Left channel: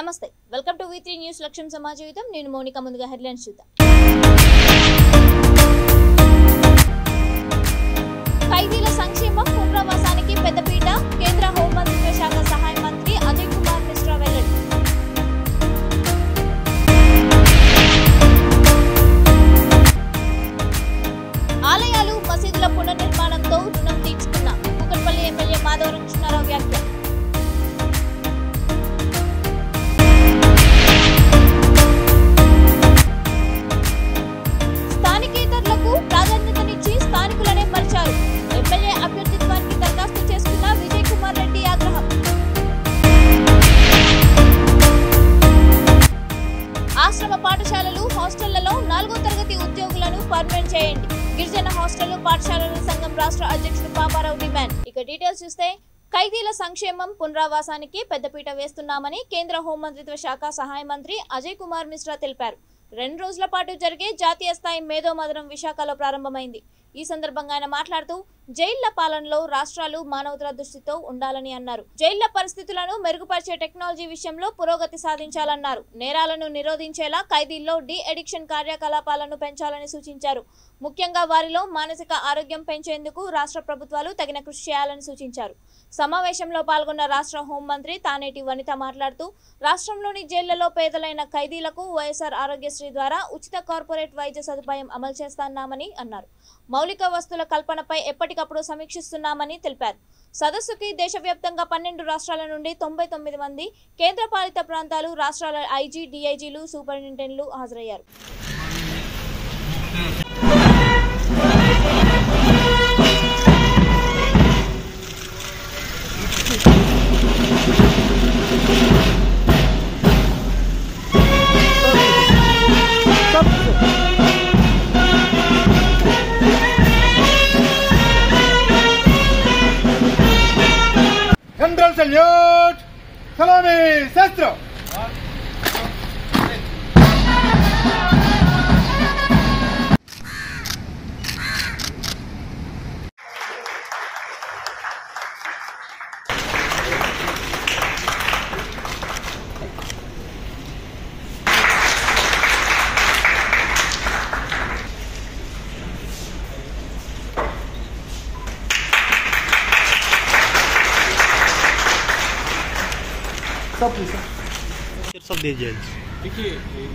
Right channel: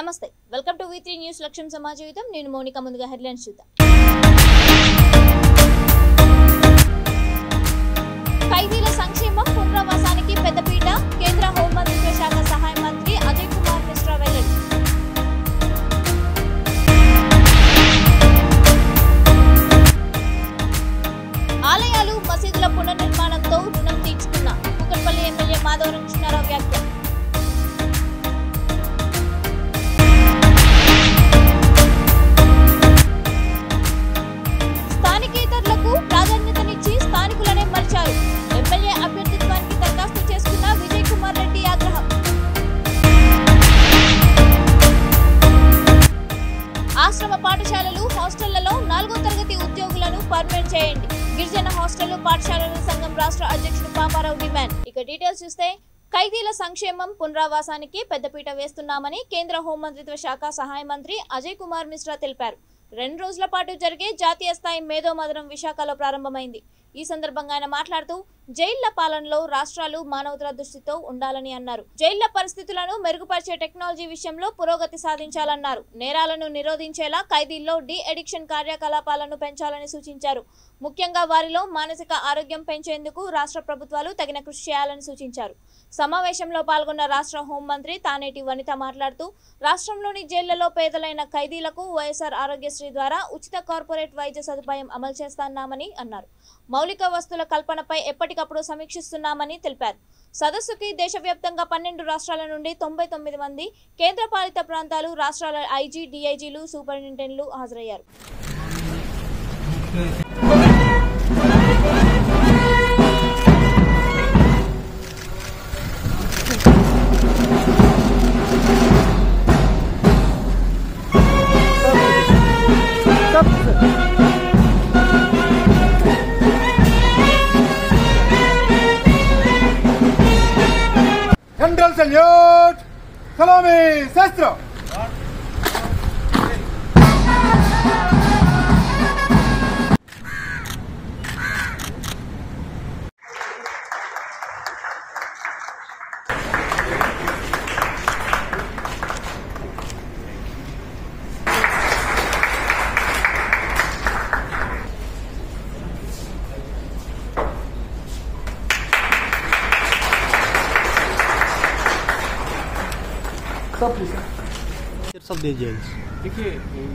నమస్తే welcome to V3 news లక్ష్యం సమాజ జీవితం నేను మౌనిక ముందుగా హెడ్లైన్స్ చూద్దాం ఖైదీల సంక్షేమం పునరావాసానికి పెద్దపీట కేంద్ర హోంమంత్రిత్వ శాఖ సహాయ మంత్రి అజయ్ కుమార్ మిశ్రా వెల్లడి ఆలయాలు మసీదుల పునర్నిర్మాణంతో రుణం తీర్చుకున్న కూకట్పల్లి ఎమ్మెల్యే మాధవరం కృష్ణారావు వ్యాఖ్య ప్రాధాన్యతనిచ్చి స్థానికులనే మలిచారు ఎమ్మెల్యే అభ్యర్థిత్వానికి దరఖాస్తు చేసుకున్న విజయ్ కుమార్ రెడ్డి ఆగ్రహం ఆశ్రమ పాఠశాలలు హాస్టళ్లలో 4వ తరగతి ఉద్యోగులను పర్మనెంట్ చేయండి గిరిజన హాస్టళ్లు పాఠశాలల సంఘం రాష్ట్ర అధ్యక్షుడు పాపారావు డిమాండ్ ఇక డీటెయిల్స్ చూస్తే ఖైదీల సంక్షేమం పునరావాసానికి పెద్దపీట వేస్తున్నామని కేంద్ర హోంమంత్రిత్వ శాఖ సహాయ మంత్రి అజయ్ కుమార్ మిశ్రా తెలిపారు 2 రోజుల పాటు జరిగే జాతీయ స్థాయి మేధోమథనం విశాఖలో ప్రారంభమైంది ఈ సందర్భంగా ఆయన మాట్లాడుతూ జైళ్ల పాలనలో రాష్ట్రాలు మానవతా దృష్టితో ఉండాలని అన్నారు జైళ్ల పరిస్థితులను మెరుగుపరిచే టెక్నాలజీ విషయంలో పురోగతి సాధించాలన్నారు నేరాలను నిరోధించేలా ఖైదీల్లో డి అడిక్షన్ కార్యకలాపాలను పెంచాలని సూచించారు ముఖ్యంగా వారిలో మానసిక ఆరోగ్యం పెంచేందుకు రాష్ట్ర ప్రభుత్వాలు తగిన కృషి చేయాలని సూచించారు సమావేశంలో పాల్గొన్న రాష్ట్ర హోంమంత్రి తానేటి వనిత మాట్లాడుతూ రాష్ట్రంలోని జైళ్లలో పేదలైన ఖైదీలకు వైఎస్ఆర్ ఆరోగ్యశ్రీ ద్వారా ఉచిత కార్పొరేట్ వైద్య సదుపాయం అమలు చేస్తున్నామని అన్నారు మౌలిక వస్తువుల కల్పనపై ఎప్పటికప్పుడు సమీక్షిస్తున్నామని తెలిపారు సదస్సుకి దేశవ్యాప్తంగా 12 రాష్ట్రాల నుండి 99 మంది కేంద్రపాలిత ప్రాంతాలు రాష్ట్రాల ఐజీ డిఐజీలు సూపరింటెండెంట్లు హాజరయ్యారు General salute! Salome! Sastro! सब दे जेल देखिए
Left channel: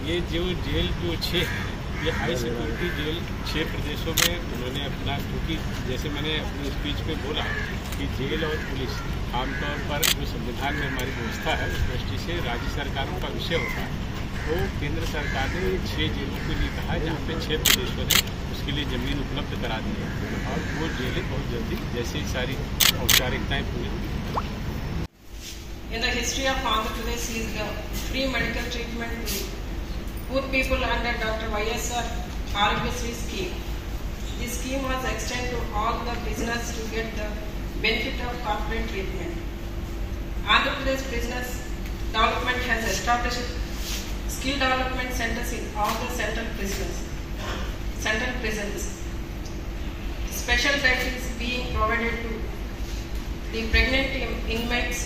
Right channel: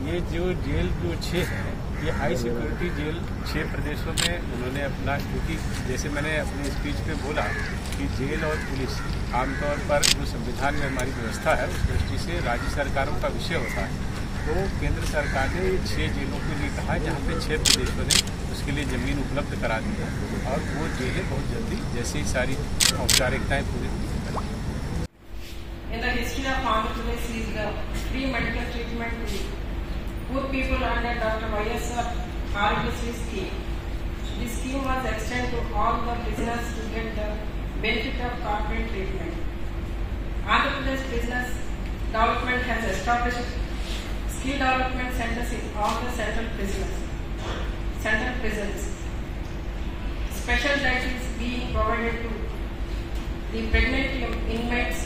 ये जो जेल जो 6 है ये हाई सिक्योरिटी जेल 6 प्रदेशों में उन्होंने अपना क्योंकि जैसे मैंने अपने स्पीच में बोला कि जेल और पुलिस आमतौर पर जो संविधान में हमारी व्यवस्था है उस दृष्टि से राज्य सरकारों का विषय होता है तो केंद्र सरकार ने 6 जेलों के लिए कहा जहाँ पे 6 प्रदेशों ने उसके लिए ज़मीन उपलब्ध करा दी है और वो जेलें बहुत जल्दी जैसे ही सारी औपचारिकताएँ पूरी होंगी। In the history of Andhra Pradesh is the free medical treatment to poor people under Dr. Y.S.R. Arogyasri scheme. This scheme was extended to all the prisoners to get the benefit of corporate treatment. Andhra Pradesh Business Development has established skill development centers in all the central prisons. Special diet is being provided to the pregnant inmates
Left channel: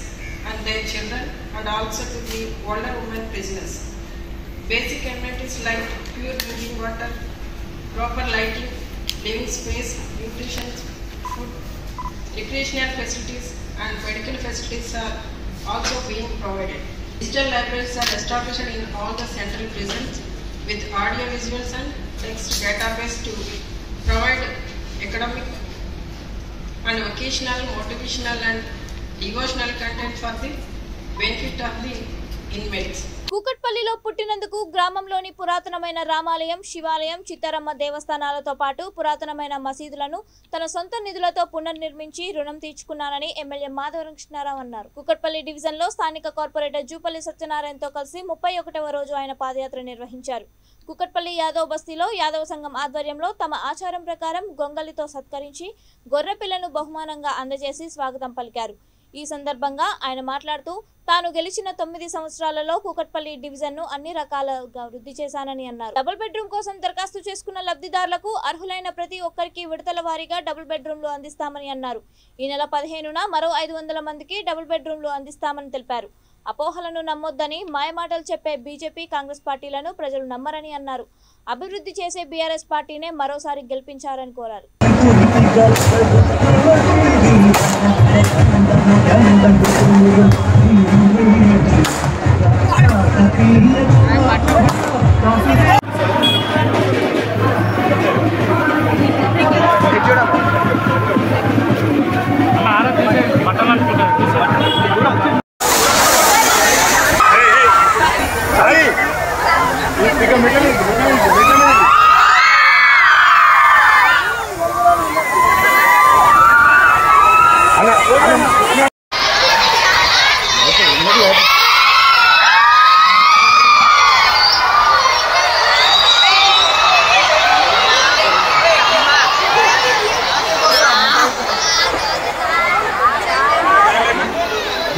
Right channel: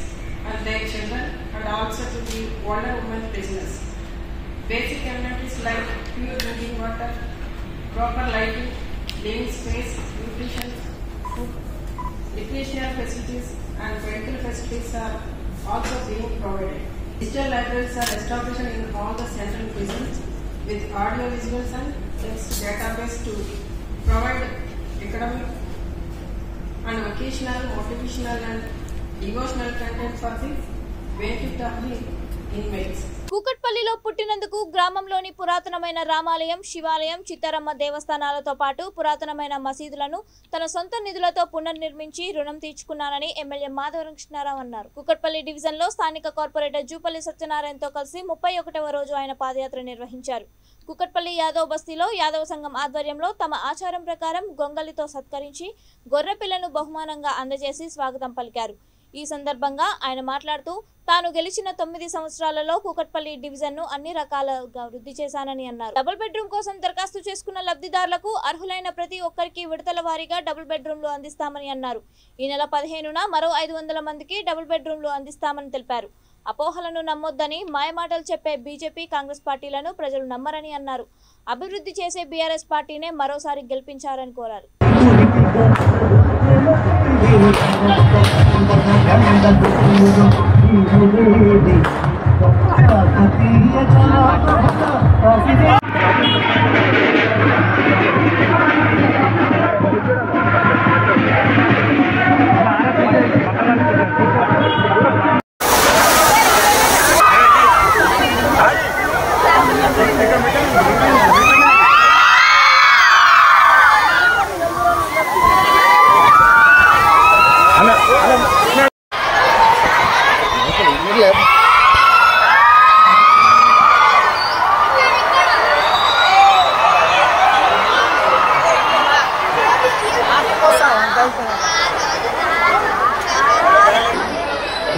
and their children and also to the older women prisoners. Basic amenities like pure drinking water, proper lighting, living space, nutrition, food, recreational facilities and medical facilities are also being provided. Digital libraries are established in all the central prisons with audio visuals and text database to provide academic and vocational, motivational and devotional content for the benefit of the inmates. కూకట్పల్లిలో పుట్టినందుకు గ్రామంలోని పురాతనమైన రామాలయం శివాలయం చిత్తారమ్మ దేవస్థానాలతో పాటు పురాతనమైన మసీదులను తన సొంత నిధులతో పునర్నిర్మించి రుణం తీర్చుకున్నానని ఎమ్మెల్యే మాధవరం కృష్ణారావు అన్నారు కూకట్పల్లి డివిజన్లో స్థానిక కార్పొరేటర్ జూపల్లి సత్యనారాయణతో కలిసి 31వ రోజు ఆయన పాదయాత్ర నిర్వహించారు కూకట్పల్లి యాదవ్ బస్తీలో యాదవ సంఘం ఆధ్వర్యంలో తమ ఆచారం ప్రకారం గొంగలితో సత్కరించి గొర్రెపిల్లను బహుమానంగా అందజేసి స్వాగతం పలికారు ఈ సందర్భంగా ఆయన మాట్లాడుతూ తాను గెలిచిన 9 సంవత్సరాలలో కూకట్పల్లి డివిజన్ ను అన్ని రకాలుగా వృద్ధి చేశానని అన్నారు డబుల్ బెడ్రూమ్ కోసం దరఖాస్తు చేసుకున్న లబ్ధిదారులకు అర్హులైన ప్రతి ఒక్కరికి విడతల వారీగా డబుల్ బెడ్రూమ్లు అందిస్తామని అన్నారు ఈ నెల 15న మరో 500 మందికి డబుల్ బెడ్రూమ్లు అందిస్తామని తెలిపారు అపోహలను నమ్మొద్దని మాయమాటలు చెప్పే బీజేపీ కాంగ్రెస్ పార్టీలను ప్రజలు నమ్మరని అన్నారు. అభివృద్ధి చేసే బీఆర్ఎస్ పార్టీనే మరోసారి గెలిపించారని కోరారు.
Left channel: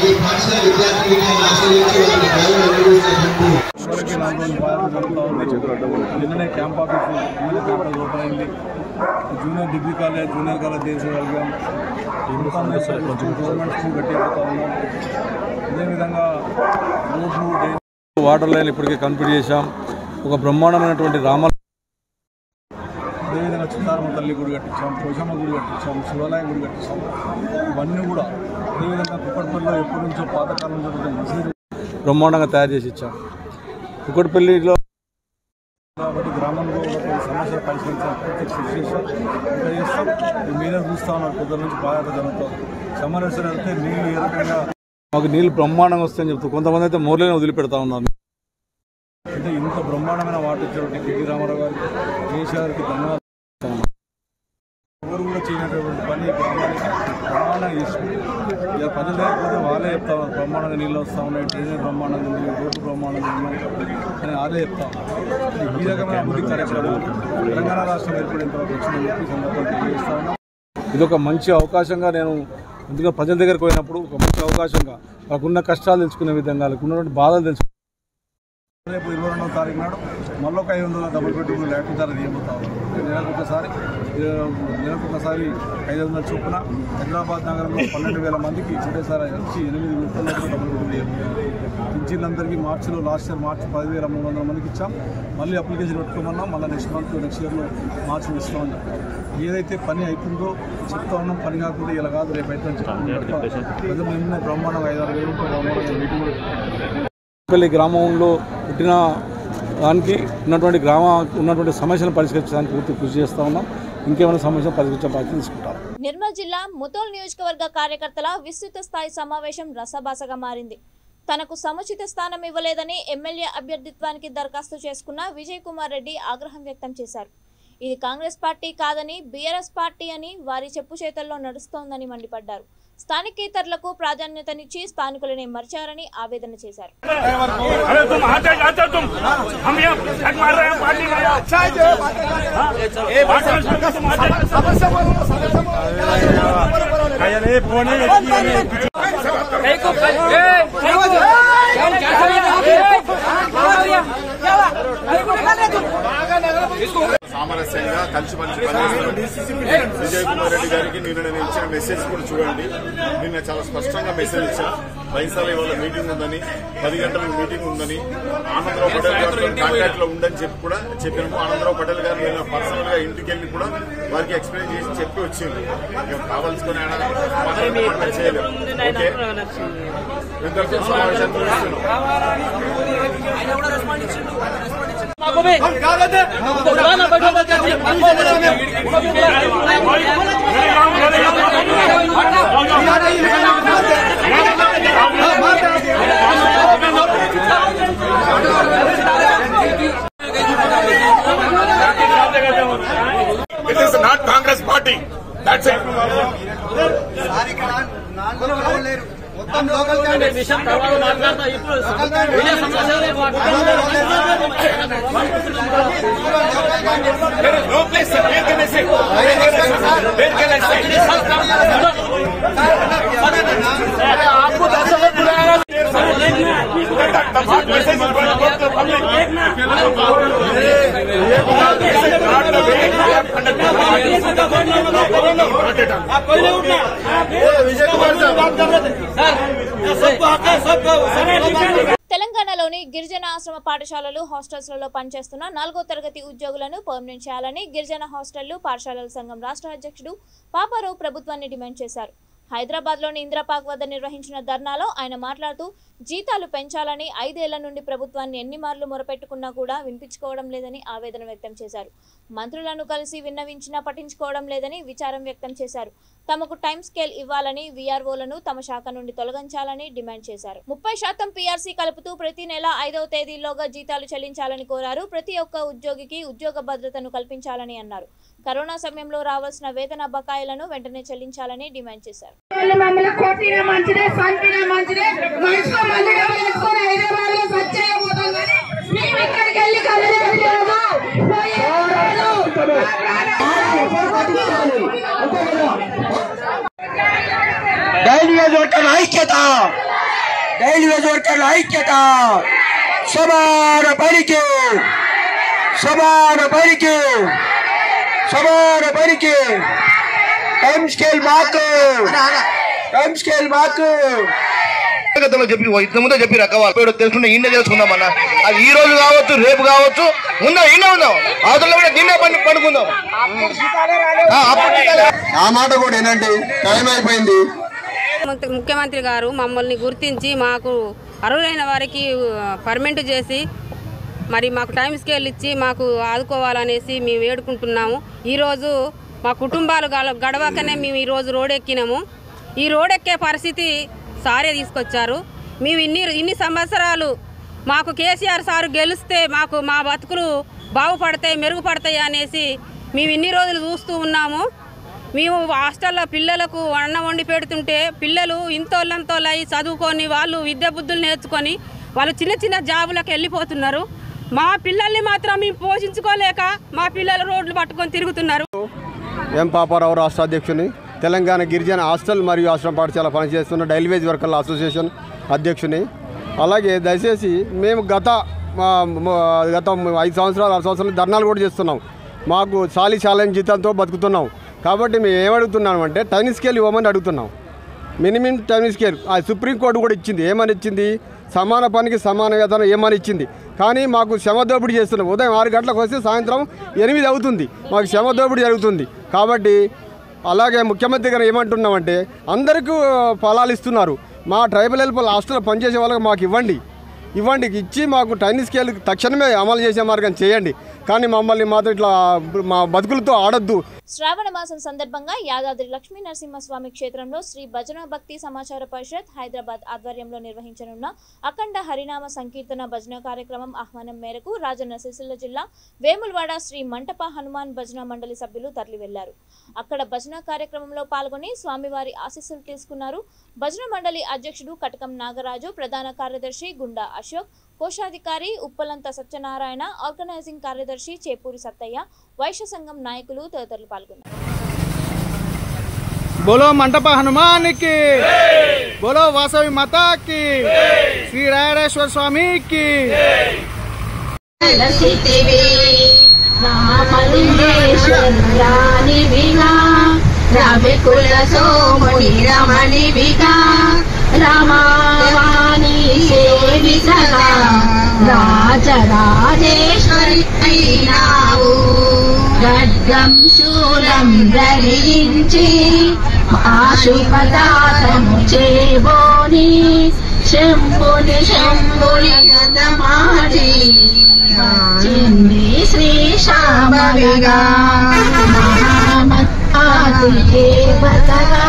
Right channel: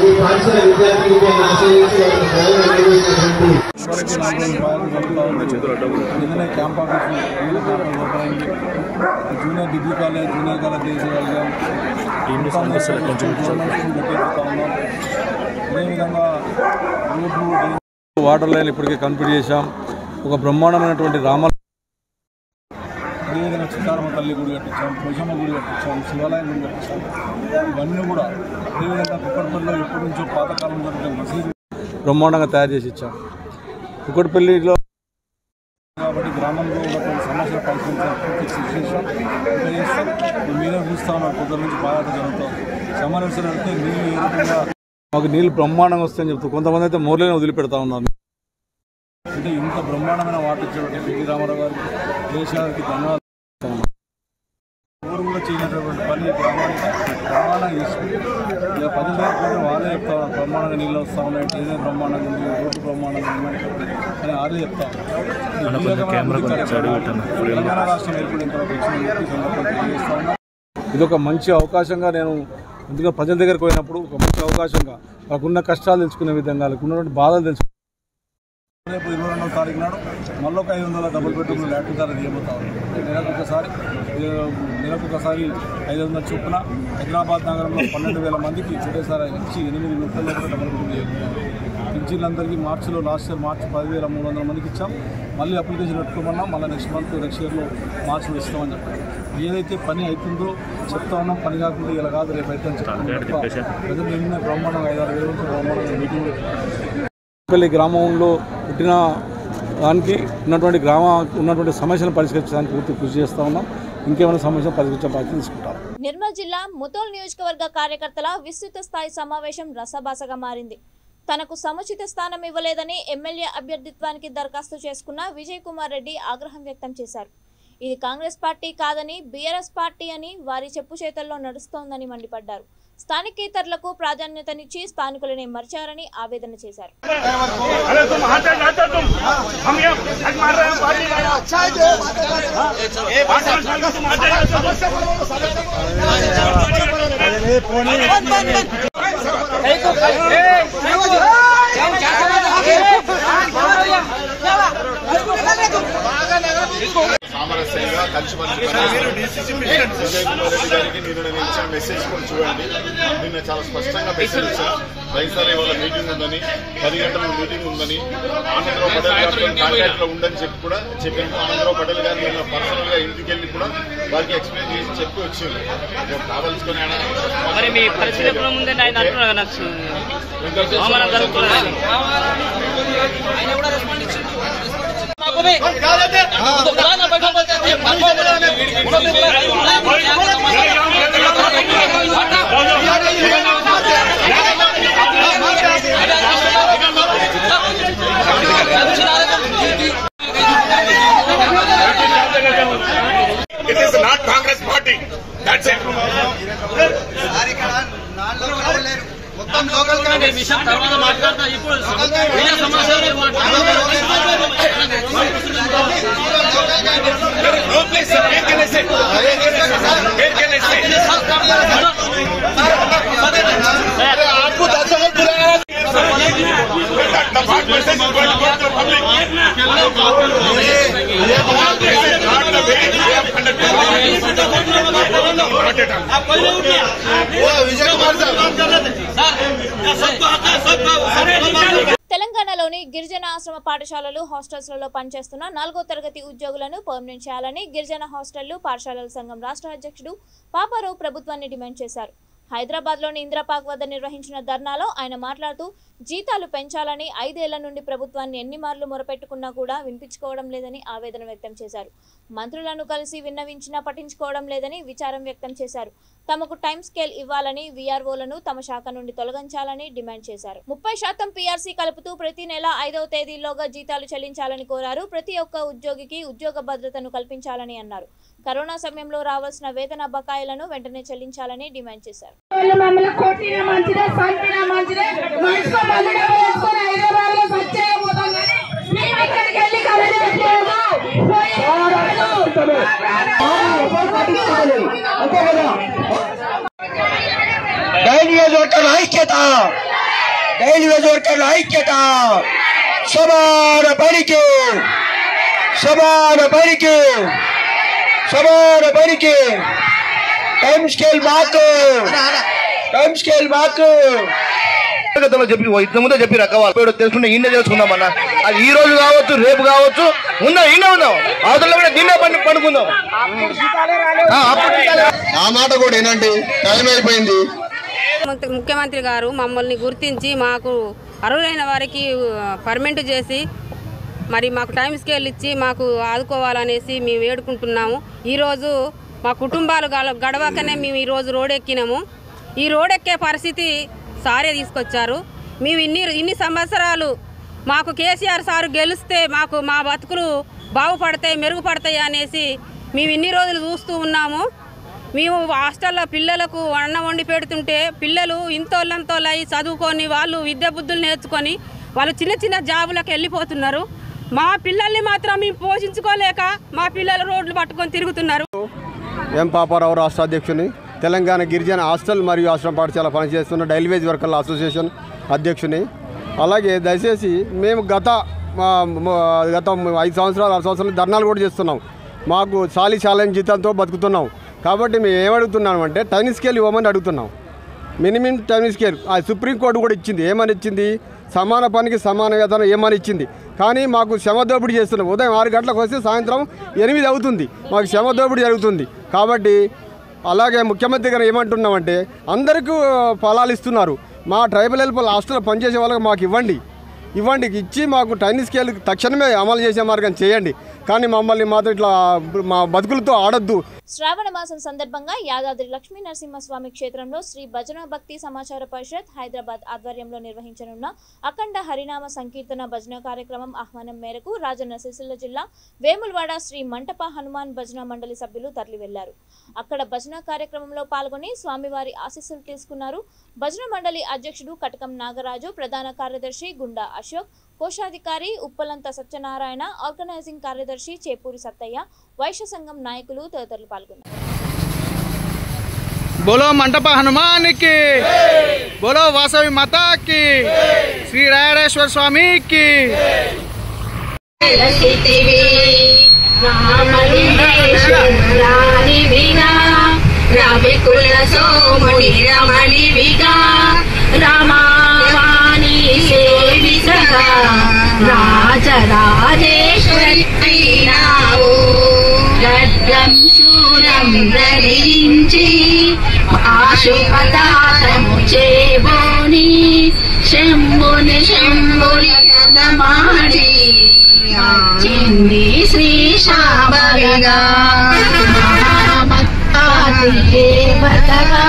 ఈ పాఠశాల విద్యార్థులకి ఆశ్రయించి వారికి జ్ఞానం అందజేసేటువంటి నిన్ననే క్యాంప్ ఆఫీస్ ఓపెన్ అయింది. Junior degree college junior college చేసేవాళ్ళం గవర్నమెంట్ స్కూల్ కట్టేస్తా ఉన్నాం. అదేవిధంగా రోడ్లు వాటర్ లైన్ ఇప్పటికే కంప్లీట్ చేశాం. ఒక బ్రహ్మాండమైనటువంటి అదేవిధంగా చిత్తారమ్మ తల్లి గుడి కట్టించాం, పోషమ్మ గుడి కట్టించాం, శివాలయం గుడి కట్టించాం. ఇవన్నీ కూడా అదేవిధంగా కుక్కట్పల్లిలో ఎప్పటి నుంచో పాతకాలం జరుగుతున్న మసీదు బ్రహ్మాండంగా తయారు చేసి ఇచ్చాం. కుక్కట్పల్లిలో కాబట్టి గ్రామంలో ఉన్నటువంటి సమస్యలు పరిష్కరించాం. మీరే చూస్తూ ఉన్నారు, పొద్దుల నుంచి బాగా జరుగుతుంది. సమ్మర్ వెళ్తే నీళ్ళు ఏ రకంగా మాకు నీళ్ళు బ్రహ్మాండంగా వస్తాయని చెప్తూ కొంతమంది అయితే మోర్లేనే వదిలిపెడతా ఉన్నారు. అంటే ఇంత బ్రహ్మాండమైన వాటర్ ఇచ్చినటువంటి పిటి రామారావు గారికి, కేసీఆర్కి ధన్యవాదాలు. ఎవరు కూడా చేయనటువంటి పని గ్రామానికి బ్రహ్మాండంగా చేసుకుంటారు. ఇక ప్రజలు లేకపోతే వాళ్ళే చెప్తా ఉన్నారు బ్రహ్మాండంగా నీళ్ళు వస్తూ ఉన్నాయి, ట్రైన్ బ్రహ్మాండంగా ఉంది, రోడ్డు బ్రహ్మాండంగా ఉన్నాయి అని వాళ్ళే చెప్తా ఉన్నారు. ఈ రకమైన అభివృద్ధి కార్యక్రమాలు తెలంగాణ రాష్ట్రం ఏర్పడిన తర్వాత వచ్చిన సందర్భంగా తెలియజేస్తా ఉన్నాం. ఇది ఒక మంచి అవకాశంగా నేను ఎందుకంటే ప్రజల దగ్గరికి పోయినప్పుడు ఒక మంచి అవకాశంగా వాళ్ళకున్న కష్టాలు తెలుసుకునే విధంగా వాళ్ళకు ఉన్నటువంటి బాధలు తెలుసుకునే రేపు 22వ తారీఖు నాడు మళ్ళీ ఒక 500 డబుల్ బెడ్రూమ్లు ల్యాట్రిన్ ధర తీయబోతా ఉన్నాం. నెలకొకసారి 500 చొప్పున హైదరాబాద్ నగరంలో 12,000 మందికి ఒకటేసారి వచ్చి 8 విడతల్లో కూడా డబుల్ బెడ్రూమ్లు చేయబోతాం. పింఛన్లందరికీ మార్చిలో లాస్ట్ ఇయర్ మార్చి 10,300 మందికి ఇచ్చాం. మళ్ళీ అప్లికేషన్ పెట్టుకోమన్నాం. మళ్ళీ నెక్స్ట్ ఇయర్లో మార్చిలో ఇస్తామని చెప్పారు. ఏదైతే పని అవుతుందో చెప్తా ఉన్నాం. పని కాకుండా ఇలా కాదు రేపు అయితే ప్రజలు నిన్న బ్రహ్మాండంగా 5-6 వేల బ్రహ్మాండంగా మీటింగ్ పెళ్లి గ్రామంలో పుట్టిన దానికి ఉన్నటువంటి సమస్యలను పరిష్కరించడానికి పూర్తి కృషి చేస్తూ ఉన్నాం. ఇంకేమైనా సమస్యలు పరిష్కరించే బాధ్యత తీసుకుంటాం. నిర్మల్ జిల్లా ముతోల్ నియోజకవర్గ కార్యకర్తల విస్తృత స్థాయి సమావేశం రసభాసగా మారింది. తనకు సముచిత స్థానం ఇవ్వలేదని ఎమ్మెల్యే అభ్యర్థిత్వానికి దరఖాస్తు చేసుకున్న విజయ్ కుమార్ రెడ్డి ఆగ్రహం వ్యక్తం చేశారు. ఇది కాంగ్రెస్ పార్టీ కాదని బీఆర్ఎస్ పార్టీ అని వారి చెప్పు చేతల్లో నడుస్తోందని మండిపడ్డారు. స్థానికేతరులకు ప్రాధాన్యతనిచ్చి స్థానికులనే మర్చారని ఆవేదన చేశారు. సామరస్యంగా కలిసిమెలిసి విజయ్ కుమార్ రెడ్డి గారికి నేను ఇచ్చిన మెసేజ్ కూడా చూడండి. నిన్న చాలా స్పష్టంగా మెసేజ్ ఇచ్చా. రైతుల ఇవాళ మీటింగ్ ఉందని, 10 గంటలకు మీటింగ్ ఉందని, ఆనందరావు పటేల్ గారితో కాంటాక్ట్ లో ఉందని చెప్పి కూడా చెప్పాము. ఆనందరావు పటేల్ గారు నేను పర్సనల్ గా ఇంటికి వెళ్ళి కూడా వారికి ఎక్స్ప్లెయిన్ చేసి చెప్పి వచ్చింది. కావాల్సుకొని It is not Congress party. That's it. మొత్తం లోకల్ విషయం తర్వాత మాట్లాడతా. ఇప్పుడు आपको 10 वक्त बुलाया తెలంగాణలోని గిరిజన ఆశ్రమ పాఠశాలలు హాస్టల్స్లలో పనిచేస్తున్న 4వ తరగతి ఉద్యోగులను పర్మనెంట్ చేయాలని గిరిజన హాస్టళ్లు పాఠశాలల సంఘం రాష్ట్ర అధ్యక్షుడు పాపారావు ప్రభుత్వాన్ని డిమాండ్ చేశారు. హైదరాబాద్లోని ఇందిరాపార్క్ వద్ద నిర్వహించిన ధర్నాలో ఆయన మాట్లాడుతూ జీతాలు పెంచాలని 5 ఏళ్ల నుండి ప్రభుత్వాన్ని ఎన్ని మార్లు మొరపెట్టుకున్నా కూడా వినిపించుకోవడం లేదని ఆవేదన వ్యక్తం చేశారు. మంత్రులను కలిసి విన్నవించినా పట్టించుకోవడం లేదని విచారం వ్యక్తం చేశారు. తమకు టైం స్కేల్ ఇవ్వాలని, వీఆర్ఓలను తమ శాఖ నుండి తొలగించాలని డిమాండ్ చేశారు. 30% పీఆర్సీ కలుపుతూ ప్రతి నెల 5వ తేదీలోగా జీతాలు చెల్లించాలని కోరారు. ప్రతి ఒక్క ఉద్యోగికి ఉద్యోగ భద్రతను కల్పించాలని అన్నారు. కరోనా సమయంలో రావాల్సిన వేతన బకాయిలను వెంటనే చెల్లించాలని డిమాండ్ చేశారు. సమాన పనికి టైం స్కేల్ మార్కు గతంలో చెప్పి ఇంత ముందే చెప్పి రకవాళ్ళు తెలుసుకుంటే ఈయన తెలుసుకుందామన్నా. అది ఈ రోజు కావచ్చు, రేపు కావచ్చు, ఉందాం అవతల కూడా దీన్నే పండుకుందాం. ఆ మాట కూడా ఏంటంటే టైం అయిపోయింది. ముఖ్యమంత్రి గారు మమ్మల్ని గుర్తించి మాకు అర్హులైన వారికి పర్మనెంట్ చేసి మరి మాకు టైం స్కేల్ ఇచ్చి మాకు ఆదుకోవాలనేసి మేము వేడుకుంటున్నాము. ఈరోజు మా కుటుంబాలు గడవకనే మేము ఈరోజు రోడ్డెక్కినాము. ఈ రోడ్డెక్కే పరిస్థితి సారే తీసుకొచ్చారు. మేము ఇన్ని సంవత్సరాలు మాకు కేసీఆర్ సారు గెలిస్తే మాకు మా బతుకులు బాగుపడతాయి, మెరుగుపడతాయి అనేసి మేము ఇన్ని రోజులు చూస్తూ ఉన్నాము. మేము హాస్టల్లో పిల్లలకు అన్నం వండి పెడుతుంటే పిల్లలు ఇంతోళ్ళంతోళ్ళై చదువుకొని వాళ్ళు విద్యా బుద్ధులు నేర్చుకొని వాళ్ళు చిన్న చిన్న జాబులకు వెళ్ళిపోతున్నారు. మా పిల్లల్ని మాత్రం మేము పోషించుకోలేక మా పిల్లలు రోడ్లు పట్టుకొని తిరుగుతున్నారు. ఎం పాపారావు రాష్ట్ర అధ్యక్షుని, తెలంగాణ గిరిజన హాస్టల్ మరియు ఆశ్రమ పాఠశాల పనిచేస్తున్న రైల్వేజ్ వర్కర్ల అసోసియేషన్ అధ్యక్షుని. అలాగే దయచేసి మేము గత 5 సంవత్సరాలు 6 సంవత్సరాలు ధర్నాలు కూడా చేస్తున్నాం. మాకు చాలని జీతంతో బతుకుతున్నాం. కాబట్టి మేము ఏమడుగుతున్నామంటే టైం స్కేల్ ఇవ్వమని అడుగుతున్నాం. మినిమం టైం స్కేల్ ఆ సుప్రీంకోర్టు కూడా ఇచ్చింది. ఏమని ఇచ్చింది? సమాన పనికి సమాన వేతనం ఏమని ఇచ్చింది. కానీ మాకు శ్రమ దోపిడీ చేస్తున్నాం. ఉదయం 6 గంటలకు వస్తే సాయంత్రం 8 అవుతుంది. మాకు శ్రమ దోపిడీ జరుగుతుంది. కాబట్టి అలాగే ముఖ్యమంత్రి గారు ఏమంటున్నామంటే అందరికీ ఫలాలు ఇస్తున్నారు. మా ట్రైబల్ హెల్ప్ హాస్టల్లో పనిచేసే వాళ్ళకి మాకు ఇవ్వండి, ఇచ్చి మాకు టైం స్కేల్ తక్షణమే అమలు చేసే మార్గం చేయండి. కానీ మమ్మల్ని మాత్రం ఇట్లా మా బతుకులతో ఆడొద్దు. శ్రావణ మాసం సందర్భంగా యాదాద్రి లక్ష్మీ నరసింహస్వామి క్షేత్రంలో శ్రీ భజన భక్తి సమాచార పరిషత్ హైదరాబాద్ ఆధ్వర్యంలో నిర్వహించనున్న అఖండ హరినామ సంకీర్తన భజన కార్యక్రమం ఆహ్వానం మేరకు రాజన్న సిరిసిల్ల జిల్లా వేములవాడ శ్రీ మంటప హనుమాన్ భజన మండలి సభ్యులు తరలి వెళ్లారు. అక్కడ భజన కార్యక్రమంలో పాల్గొని స్వామివారి ఆశీస్సులు తీసుకున్నారు. భజన మండలి అధ్యక్షుడు కటకం నాగరాజు, ప్రధాన కార్యదర్శి గుండా అశోక్, కోశాధికారి ఉప్పలంత సత్యనారాయణ, ఆర్గనైజింగ్ కార్యదర్శి చేపూరి సత్తయ్య, వైశ్య సంఘం నాయకులు తదితరులు పాల్గొన్నారు. बोलो मंडप हनुमान की, बोलो वासवी माता की, श्री रायरेश्वर स्वामी की. రాజరాజేశ్వరి ఖడ్గం శూరం ధరించి ఆశుపదాతము చేబోని శంభుని గదమాడి చింది శ్రీ శాంభవిగా దేవతగా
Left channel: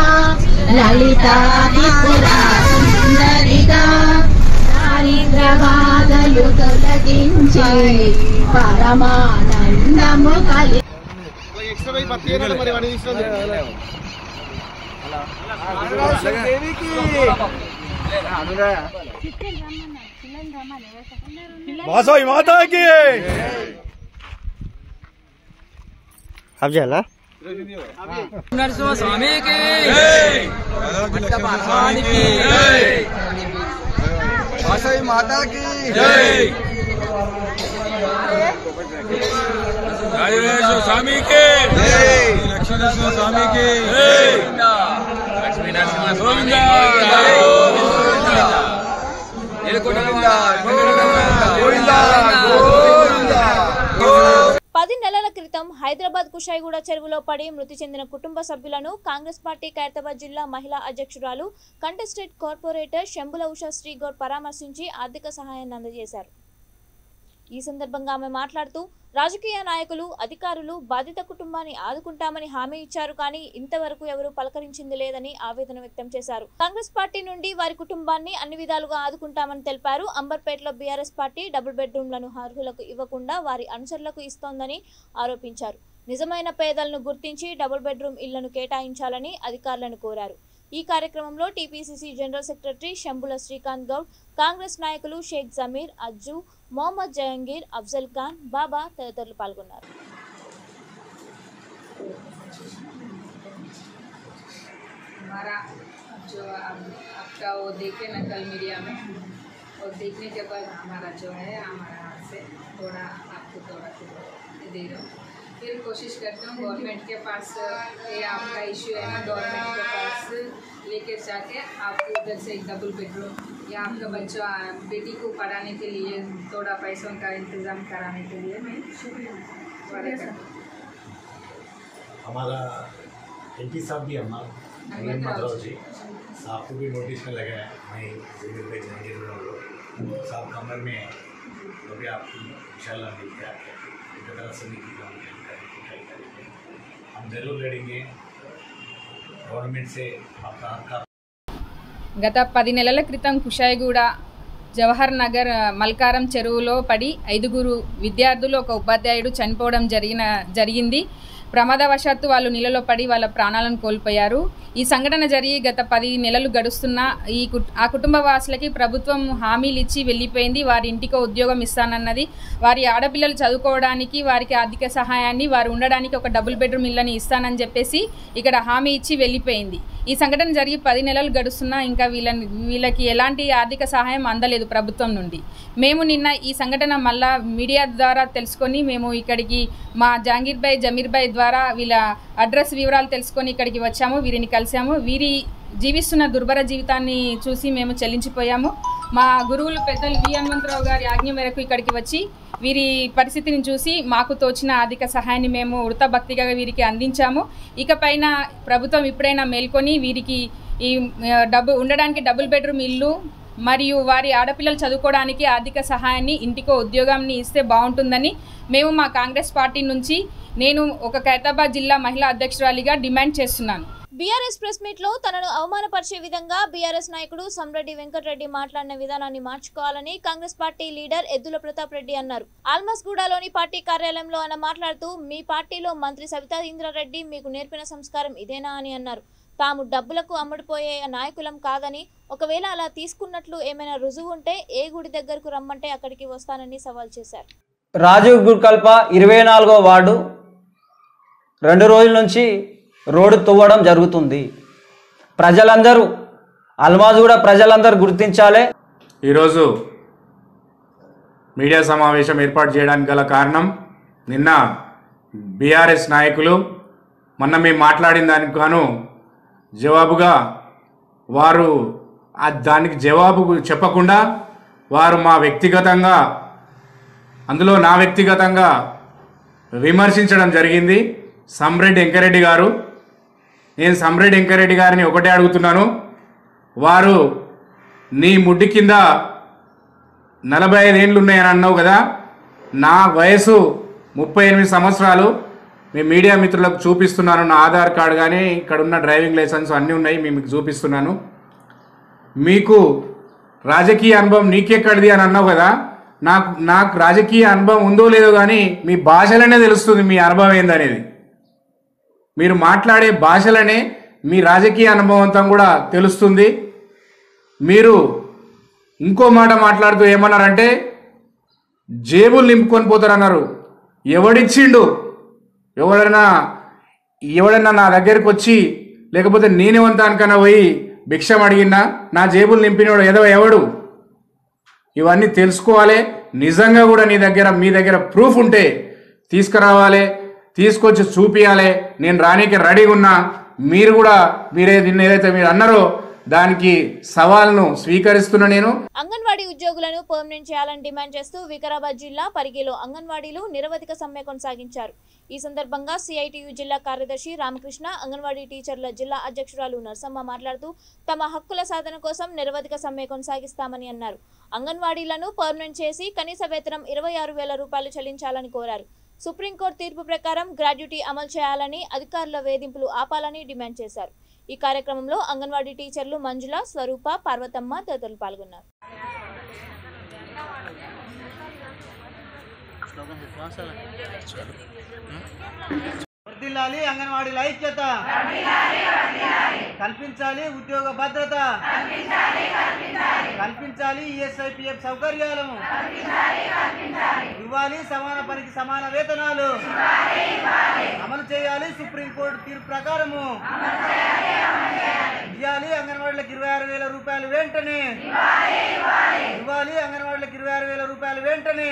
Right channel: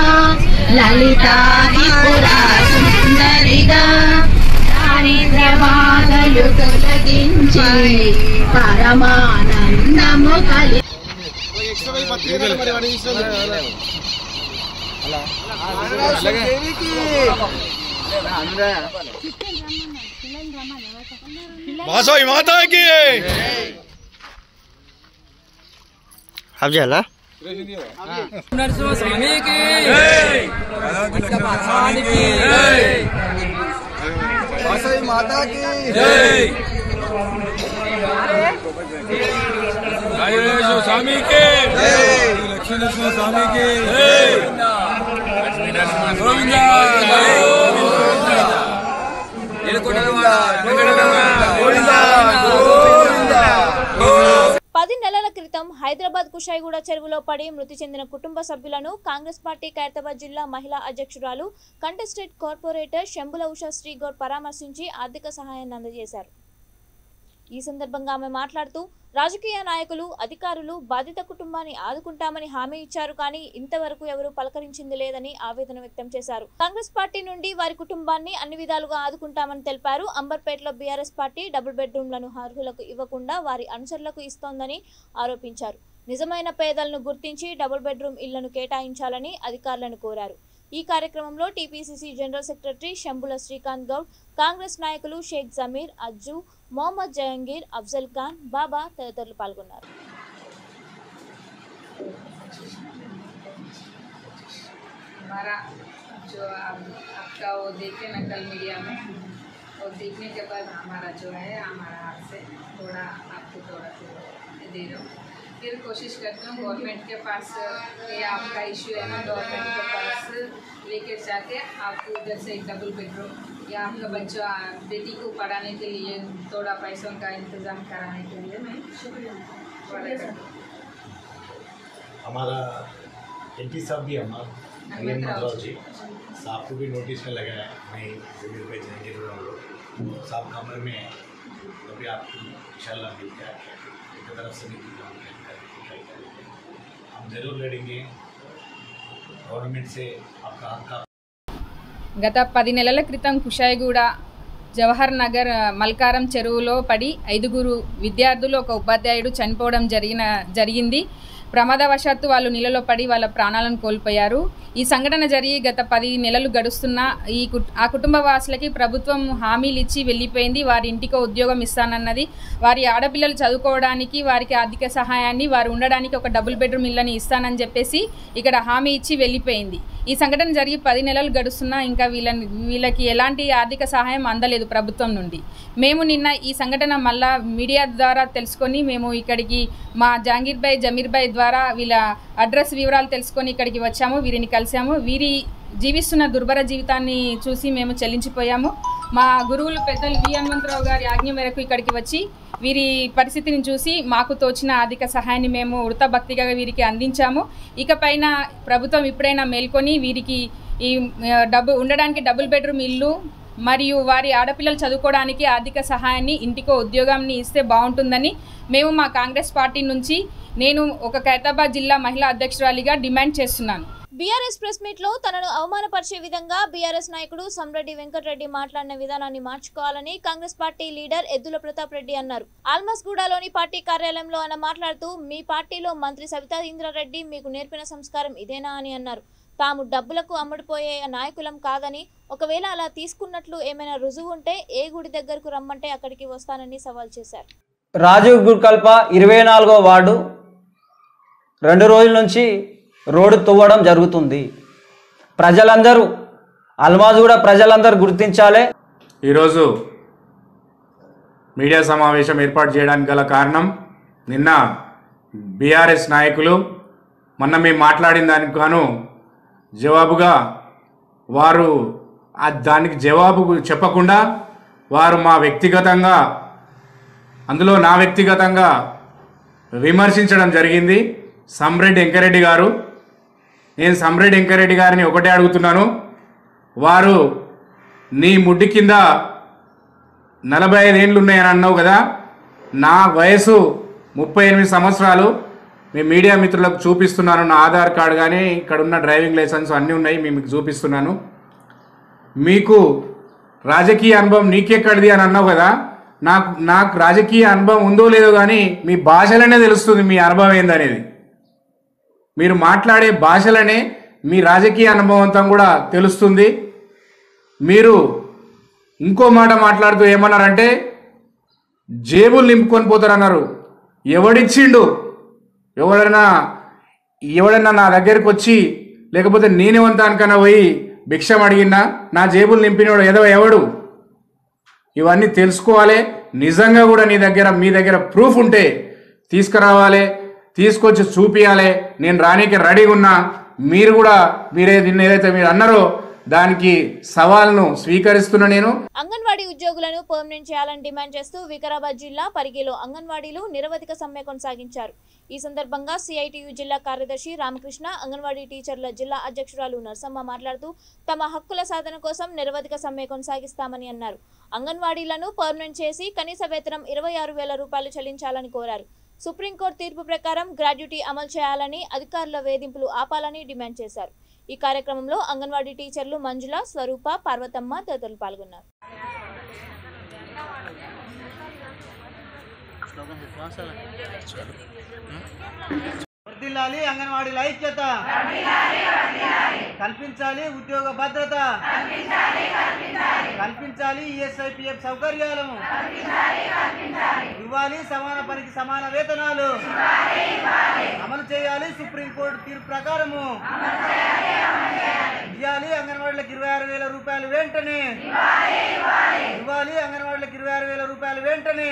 లలితాదిపురా సుందరిగా దారిద్ర్యబాధలు తొలగించి పరమానందము కలి वासवी माता की. अब जाला नरसिंह स्वामी की, मंडप हनुमान की, वासवी माता की. स्वामी के लक्ष्मी नरसिंह स्वामी के लक्ष्मी नरसिंह स्वामी పది నెలల క్రితం హైదరాబాద్ కుషాయిగూడ చెరువులో పడి మృతి చెందిన కుటుంబ సభ్యులను కాంగ్రెస్ పార్టీ ఖైరతాబాద్ జిల్లా మహిళా అధ్యక్షురాలు కంటెస్టెడ్ కార్పొరేటర్ శంభుల ఉషా శ్రీగౌడ్ పరామర్శించి ఆర్థిక సహాయాన్ని అందజేశారు. ఈ సందర్భంగా ఆమె మాట్లాడుతూ రాజకీయ నాయకులు అధికారులు బాధిత కుటుంబాన్ని ఆదుకుంటామని హామీ ఇచ్చారు, కానీ ఇంతవరకు ఎవరూ పలకరించింది లేదని ఆవేదన వ్యక్తం చేశారు. కాంగ్రెస్ పార్టీ నుండి వారి కుటుంబాన్ని అన్ని విధాలుగా ఆదుకుంటామని తెలిపారు. అంబర్పేటలో బీఆర్ఎస్ పార్టీ డబుల్ బెడ్రూమ్లను అర్హులకు ఇవ్వకుండా వారి అనుచరులకు ఇస్తోందని ఆరోపించారు. నిజమైన పేదలను గుర్తించి డబుల్ బెడ్రూమ్ ఇళ్లను కేటాయించాలని అధికారులను కోరారు. ఈ కార్యక్రమంలో TPCC general secretary Shambula Srikanth Goud, Congress నాయకులు షేక్ జమీర్, అజ్జు, మొహమ్మద్ జహంగీర్, అఫ్జల్ ఖాన్, బాబా తదితరులు పాల్గొన్నారు. हमारा जो आपका वो देखे ना कल मीडिया में, और देखने के बाद हमारा जो है हमारा हाथ से थोड़ा आपको थोड़ा दे रहा हूँ. फिर कोशिश करती हूँ गवर्नमेंट के पास, ये आपका इशू है ना, गवर्नमेंट के पास लेकर जाके आपको उधर से एक डबल बेडरूम या आपका बच्चा बेटी को पढ़ाने के लिए थोड़ा पैसों का इंतज़ाम कराने के लिए मैं हमारा एमपी साहब भी हमारा जी साहब को भी नोटिस में लगा है. मैं जमीन पे जाएंगे साहब कमर में अभी आपको इंशाल्लाह मिल गया एक तरफ से हम जरूर लड़ेंगे गवर्नमेंट से आपका हक. గత 10 నెలల క్రితం కుషాయిగూడ జవహర్ నగర్ మల్కారం చెరువులో పడి 5 విద్యార్థులు ఒక ఉపాధ్యాయుడు చనిపోవడం జరిగింది. ప్రమాదవశాత్తు వాళ్ళు నీళ్ళలో పడి వాళ్ళ ప్రాణాలను కోల్పోయారు. ఈ సంఘటన జరిగి గత 10 నెలలు గడుస్తున్న ఆ కుటుంబ వాసులకి ప్రభుత్వం హామీలు ఇచ్చి వెళ్ళిపోయింది. వారి ఇంటికో ఉద్యోగం ఇస్తానన్నది, వారి ఆడపిల్లలు చదువుకోవడానికి వారికి ఆర్థిక సహాయాన్ని, వారు ఉండడానికి ఒక డబుల్ బెడ్రూమ్ ఇళ్ళని ఇస్తానని చెప్పేసి ఇక్కడ హామీ ఇచ్చి వెళ్ళిపోయింది. ఈ సంఘటన జరిగి 10 నెలలు గడుస్తున్నా ఇంకా వీళ్ళకి ఎలాంటి ఆర్థిక సహాయం అందలేదు ప్రభుత్వం నుండి. మేము నిన్న ఈ సంఘటన మళ్ళా మీడియా ద్వారా తెలుసుకొని మేము ఇక్కడికి మా జహంగీర్ భాయ్, జమీర్ భాయ్ ద్వారా వీళ్ళ అడ్రస్ వివరాలు తెలుసుకొని ఇక్కడికి వచ్చాము. వీరిని కలిసాము. వీరి జీవిస్తున్న దుర్భర జీవితాన్ని చూసి మేము చెల్లించిపోయాము. మా గురువులు పెద్దలు వి హనుమంతరావు గారి ఆజ్ఞ మేరకు ఇక్కడికి వచ్చి వీరి పరిస్థితిని చూసి మాకు తోచిన ఆర్థిక సహాయాన్ని మేము ఉడత భక్తిగా వీరికి అందించాము. ఇకపైన ప్రభుత్వం ఇప్పుడైనా మేల్కొని వీరికి ఈ ఉండడానికి డబుల్ బెడ్రూమ్ ఇల్లు మరియు వారి ఆడపిల్లలు చదువుకోవడానికి ఆర్థిక సహాయాన్ని, ఇంటికో ఉద్యోగాన్ని ఇస్తే బాగుంటుందని మేము మా కాంగ్రెస్ పార్టీ నుంచి నేను ఒక ఖైరతాబాద్ జిల్లా మహిళా అధ్యక్షురాలిగా డిమాండ్ చేస్తున్నాను. బీఆర్ఎస్ ప్రెస్ మీట్ లో తనను అవమానపరిచే విధంగా బీఆర్ఎస్ నాయకుడు సంరెడ్డి వెంకటరెడ్డి మాట్లాడిన విధానాన్ని మార్చుకోవాలని కాంగ్రెస్ పార్టీ లీడర్ ఎద్దుల ప్రతాప్ రెడ్డి అన్నారు. ఆల్మస్గూడలోని పార్టీ కార్యాలయంలో ఆయన మాట్లాడుతూ మీ పార్టీలో మంత్రి సవితా ఇంద్రారెడ్డి మీకు నేర్పిన సంస్కారం ఇదేనా అని అన్నారు. తాము డబ్బులకు అమ్ముడుపోయే నాయకులం కాదని, ఒకవేళ అలా తీసుకున్నట్లు ఏమైనా రుజువు ఉంటే ఏ గుడి దగ్గరకు రమ్మంటే అక్కడికి వస్తానని సవాల్ చేశారు. రాజీవ్ గుర్కల్ప 24వ వార్డు 2 రోజుల నుంచి రోడ్డు తవ్వడం జరుగుతుంది. ప్రజలందరూ అల్మాజ్గూడ ప్రజలందరూ గుర్తించాలి. ఈరోజు మీడియా సమావేశం ఏర్పాటు చేయడానికి గల కారణం, నిన్న బీఆర్ఎస్ నాయకులు మొన్న మేము మాట్లాడిన దానికి గాను జవాబుగా వారు దానికి జవాబు చెప్పకుండా వారు మా వ్యక్తిగతంగా, అందులో నా వ్యక్తిగతంగా విమర్శించడం జరిగింది. సంరెడ్డి వెంకరెడ్డి గారు, నేను సంరెడ్డి వెంకరెడ్డి గారిని ఒకటే అడుగుతున్నాను, వారు నీ ముడ్డి కింద 45 ఏళ్ళు ఉన్నాయని అన్నావు కదా, నా వయసు 38 సంవత్సరాలు. మీ మీడియా మిత్రులకు చూపిస్తున్నాను, నా ఆధార్ కార్డు కానీ ఇక్కడ ఉన్న డ్రైవింగ్ లైసెన్స్ అన్నీ ఉన్నాయి, మీకు చూపిస్తున్నాను. మీకు రాజకీయ అనుభవం నీకెక్కడిది అని అన్నావు కదా, నాకు రాజకీయ అనుభవం ఉందో లేదో కానీ మీ భాషలనే తెలుస్తుంది మీ అనుభవం ఏందనేది. మీరు మాట్లాడే భాషలనే మీ రాజకీయ అనుభవంతో కూడా తెలుస్తుంది. మీరు ఇంకో మాట మాట్లాడుతూ ఏమన్నారంటే జేబులు నింపుకొని పోతారన్నారు. ఎవడిచ్చిండు? ఎవడన్నా నా దగ్గరికి వచ్చి, లేకపోతే నేనేమంతానికన్నా పోయి భిక్షం అడిగినా నా జేబులు నింపినోడు ఎవడు? ఇవన్నీ తెలుసుకోవాలి. నిజంగా కూడా మీ దగ్గర ప్రూఫ్ ఉంటే తీసుకురావాలి, తీసుకొచ్చి చూపియాలి. నేను రానికి రెడీగా ఉన్నా. మీరు కూడా ఏదైతే మీరు అన్నారో దానికి సవాల్ను స్వీకరిస్తున్నా. నేను అంగన్వాడీ ఉద్యోగులను పర్మనెంట్ చేయాలని డిమాండ్ చేస్తూ వికారాబాద్ జిల్లా పరిగిలో అంగన్వాడీలు నిరవధిక సమ్మె కొనసాగించారు. ఈ సందర్భంగా సిఐటియు జిల్లా కార్యదర్శి రామకృష్ణ, అంగన్వాడీ టీచర్ల జిల్లా అధ్యక్షురాలు నర్సమ్మ మాట్లాడుతూ తమ హక్కుల సాధన కోసం నిరవధిక సమ్మె కొనసాగిస్తామని అన్నారు. అంగన్వాడీలను పర్మనెంట్ చేసి కనీస వేతనం 26,000 రూపాయలు చెల్లించాలని కోరారు. సుప్రీంకోర్టు తీర్పు ప్రకారం గ్రాడ్యుటీ అమలు చేయాలని, అధికారుల వేధింపులు ఆపాలని డిమాండ్ చేశారు. ఈ కార్యక్రమంలో అంగన్వాడీ టీచర్లు మంజుల, స్వరూప, పార్వతమ్మ తదితరులు పాల్గొన్నారు. వర్ధిల్లాలి అంగన్వాడీల ఐక్యత, కల్పించాలి ఉద్యోగ భద్రత, కల్పించాలి ఈఎస్ఐపిఎఫ్ సౌకర్యాలను, ఇవ్వాలి సమాన పనికి సమాన వేతనాలు, అమలు చేయాలి సుప్రీంకోర్టు తీర్పు ప్రకారము, ఇవ్వాలి అంగన్వాడీలకు 26,000 రూపాయలు వెంటనే, ఇవ్వాలి అంగన్వాడీలకు 26,000 రూపాయలు వెంటనే,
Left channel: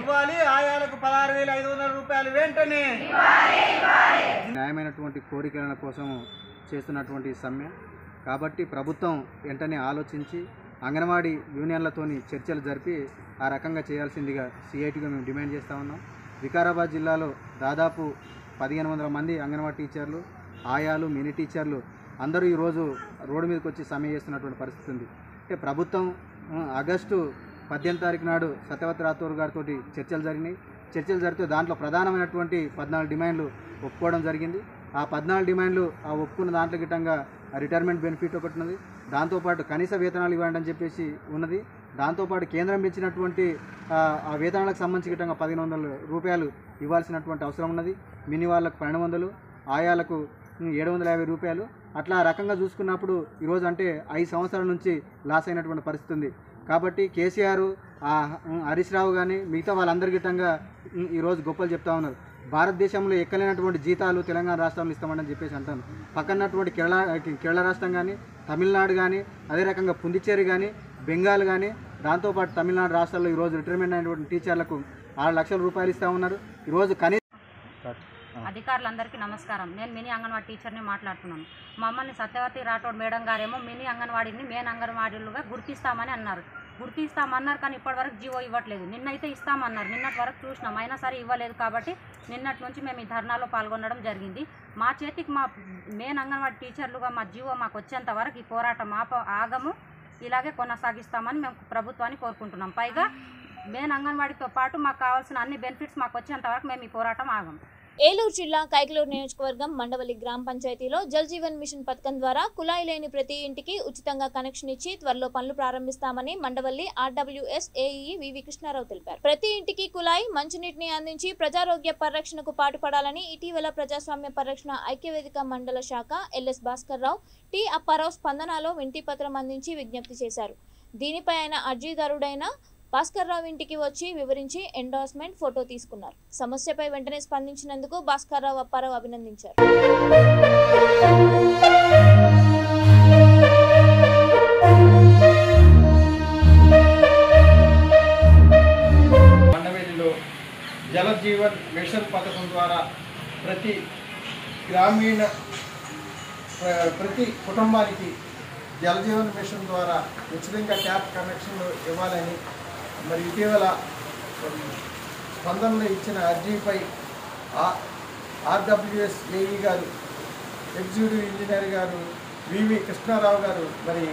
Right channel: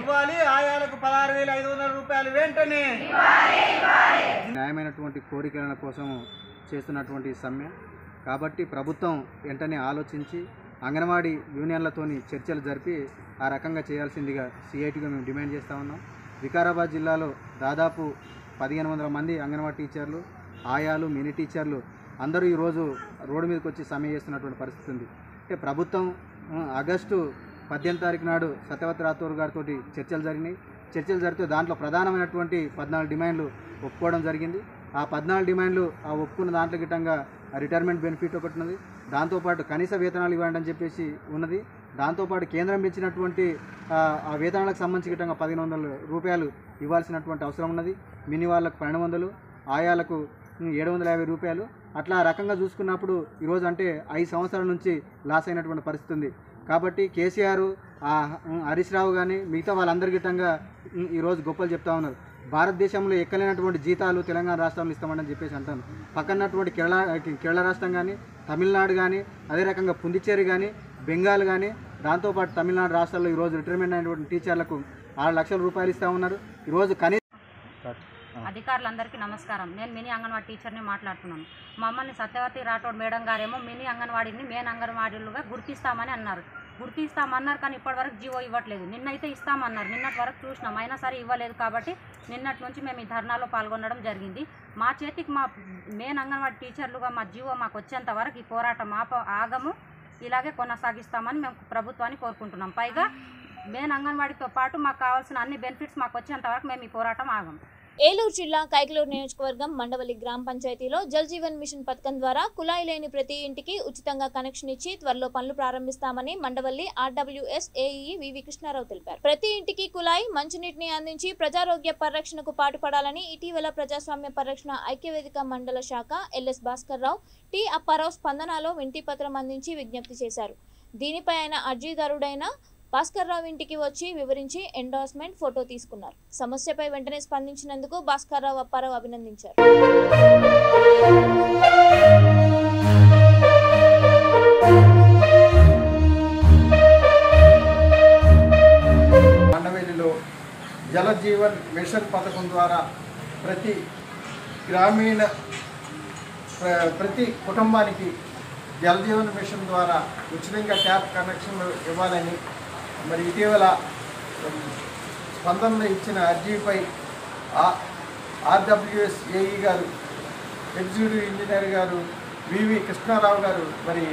ఇవ్వాలి ఆయాలకు 16,500 రూపాయలు వెంటనే. న్యాయమైనటువంటి కోరికల కోసం చేస్తున్నటువంటి సమ్మె కాబట్టి ప్రభుత్వం వెంటనే ఆలోచించి అంగన్వాడీ యూనియన్లతోని చర్చలు జరిపి ఆ రకంగా చేయాల్సిందిగా సిఐటిగా మేము డిమాండ్ చేస్తూ ఉన్నాం. వికారాబాద్ జిల్లాలో దాదాపు 1,500 మంది అంగన్వాడీ టీచర్లు, ఆయాలు, మినీ టీచర్లు అందరూ ఈరోజు రోడ్డు మీదకి వచ్చి సమ్మె చేస్తున్నటువంటి పరిస్థితి ఉంది. అంటే ప్రభుత్వం ఆగస్టు 18 తారీఖు నాడు సత్యవతి రాథోడ్ గారితో చర్చలు జరిగినాయి. చర్చలు జరిగితే దాంట్లో ప్రధానమైనటువంటి 14 డిమాండ్లు ఒప్పుకోవడం జరిగింది. ఆ 14 డిమాండ్లు ఆ ఒప్పుకున్న దాంట్లో గిట్టంగా రిటైర్మెంట్ బెనిఫిట్ ఒకటి ఉన్నది, దాంతోపాటు కనీస వేతనాలు ఇవ్వండి అని చెప్పేసి ఉన్నది, దాంతోపాటు కేంద్రం ఇచ్చినటువంటి ఆ వేతనాలకు సంబంధించి గిట్టంగా 1,500 రూపాయలు ఇవ్వాల్సినటువంటి అవసరం ఉన్నది. మినీ వాళ్ళకు 1,200, ఆయాలకు 750 రూపాయలు. అట్లా రకంగా చూసుకున్నప్పుడు ఈరోజు అంటే 5 సంవత్సరాల నుంచి లాస్ అయినటువంటి పరిస్థితి ఉంది. కాబట్టి కేసీఆర్, హరీష్ రావు కానీ మిగతా వాళ్ళందరి గిట్టంగా ఈరోజు గొప్పలు చెప్తా ఉన్నారు. భారతదేశంలో ఎక్కలేనటువంటి జీతాలు తెలంగాణ రాష్ట్రంలో ఇస్తామని చెప్పేసి అంటాను. పక్కనటువంటి కేరళ రాష్ట్రం కానీ, తమిళనాడు కానీ, అదే రకంగా పుందుచ్చేరి కానీ, బెంగాల్ కానీ, దాంతోపాటు తమిళనాడు రాష్ట్రాల్లో ఈరోజు రిటైర్మెంట్ అయినటువంటి టీచర్లకు 6 లక్షల రూపాయలు ఇస్తూ ఉన్నారు. ఈరోజు అధికారులందరికీ నమస్కారం. నేను మినీ అంగన్వాడీ టీచర్ని మాట్లాడుతున్నాను. మమ్మల్ని సత్యవతి రాథోడ్ మేడం గారేమో మినీ అంగన్వాడీని మెయిన్ అంగన్వాడీలుగా గుర్తిస్తామని అన్నారు. గుర్తిస్తామన్నారు కానీ ఇప్పటివరకు జీవో ఇవ్వట్లేదు. నిన్నైతే ఇస్తామన్నారు, నిన్నటి వరకు చూసినాం, అయినా సరే ఇవ్వలేదు. కాబట్టి నిన్నటి నుంచి మేము ఈ ధర్నాలో పాల్గొనడం జరిగింది. మా చేతికి మా మెయిన్ అంగన్వాడీ టీచర్లుగా మా జీవో మాకు వచ్చేంత వరకు ఈ పోరాటం ఆగము, ఇలాగే కొనసాగిస్తామని మేము ప్రభుత్వాన్ని కోరుకుంటున్నాం. పైగా మెయిన్ అంగన్వాడీతో పాటు మాకు కావాల్సిన అన్ని బెనిఫిట్స్ మాకు వచ్చేంత వరకు మేము ఈ పోరాటం ఆగము. ఏలూరు జిల్లా కైకలూరు నియోజకవర్గం మండవల్లి గ్రామ పంచాయతీలో జల్ జీవన్ మిషన్ పథకం ద్వారా కుళాయి లేని ప్రతి ఇంటికి ఉచితంగా కనెక్షన్ ఇచ్చి త్వరలో పనులు ప్రారంభిస్తామని మండవల్లి ఆర్డబ్ల్యూఎస్ ఏఈ వివి కృష్ణారావు తెలిపారు. ప్రతి ఇంటికి కుళాయి, మంచినీటిని అందించి ప్రజారోగ్య పరిరక్షణకు పాటుపడాలని ఇటీవల ప్రజాస్వామ్య పరిరక్షణ ఐక్యవేదిక మండల శాఖ ఎల్ఎస్ భాస్కర్ రావు, టి అప్పారావు స్పందనలో వినతి పత్రం అందించి విజ్ఞప్తి చేశారు. దీనిపై ఆయన అర్జీదారుడైన భాస్కర్ రావు ఇంటికి వచ్చి వివరించి ఎండార్స్మెంట్ ఫోటో తీసుకున్నారు. సమస్యపై వెంటనే స్పందించినందుకు భాస్కర్ రావు, అప్పారావు అభినందించారు. మండవేలిలో జల జీవన్ మిషన్ పథకం ద్వారా ప్రతి కుటుంబానికి జల జీవన్ మిషన్ ద్వారా ఉచితంగా ట్యాప్ కనెక్షన్లు ఇవ్వాలని మరి ఇటీవల స్పందనలో ఇచ్చిన అర్జీపై ఆర్డబ్ల్యూఎస్ ఏఈ గారు, ఎగ్జిక్యూటివ్ ఇంజనీర్ గారు వివి కృష్ణారావు గారు మరి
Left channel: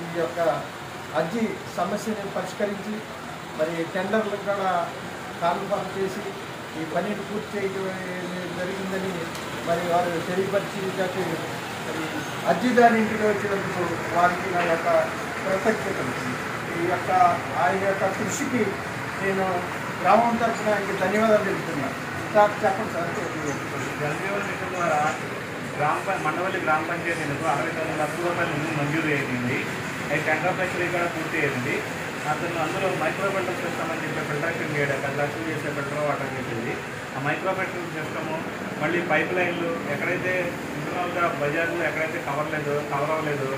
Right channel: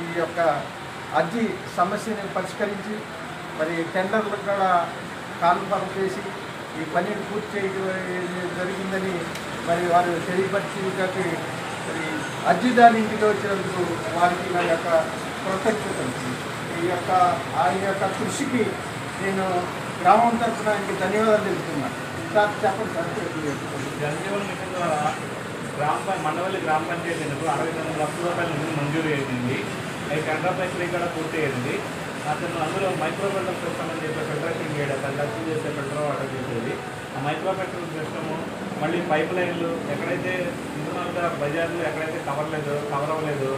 ఈ యొక్క అర్జీ సమస్యని పరిష్కరించి మరి టెండర్లు కూడా కాన్ఫర్మ్ చేసి ఈ పనిని పూర్తి చేయడం జరిగిందని మరి వారు తెలియపరిచి మరి అర్జీదారు ఇంటికి వచ్చినందుకు వారికి నా యొక్క కృతజ్ఞతలు. ఆయన యొక్క కృషికి నేను గ్రామం తరఫున ఆయనకి ధన్యవాదాలు తెలుపుతున్నాను. సార్ చెప్పండి సార్. జలజీవన్ మిషన్ ద్వారా మండవల్లి గ్రామ పంచాయతీలకు 69 లక్షల రూపాయల నిధులు మంజూరు అయింది. అది టెండర్ ప్రక్రియ కూడా పూర్తి అయింది. అందులో మైక్రో ఫిల్టర్ సిస్టమ్ అని చెప్పి ఫిల్టరేషన్ చేయడం 10 లక్షలు చేసే ఫిల్టర్ వాటర్ చేసేది. ఆ మైక్రో ఫిల్టర్ సిస్టము మళ్ళీ పైప్ లైన్లు ఎక్కడైతే ఇంటర్నల్గా బజార్లో ఎక్కడైతే కవర్ అవ్వలేదు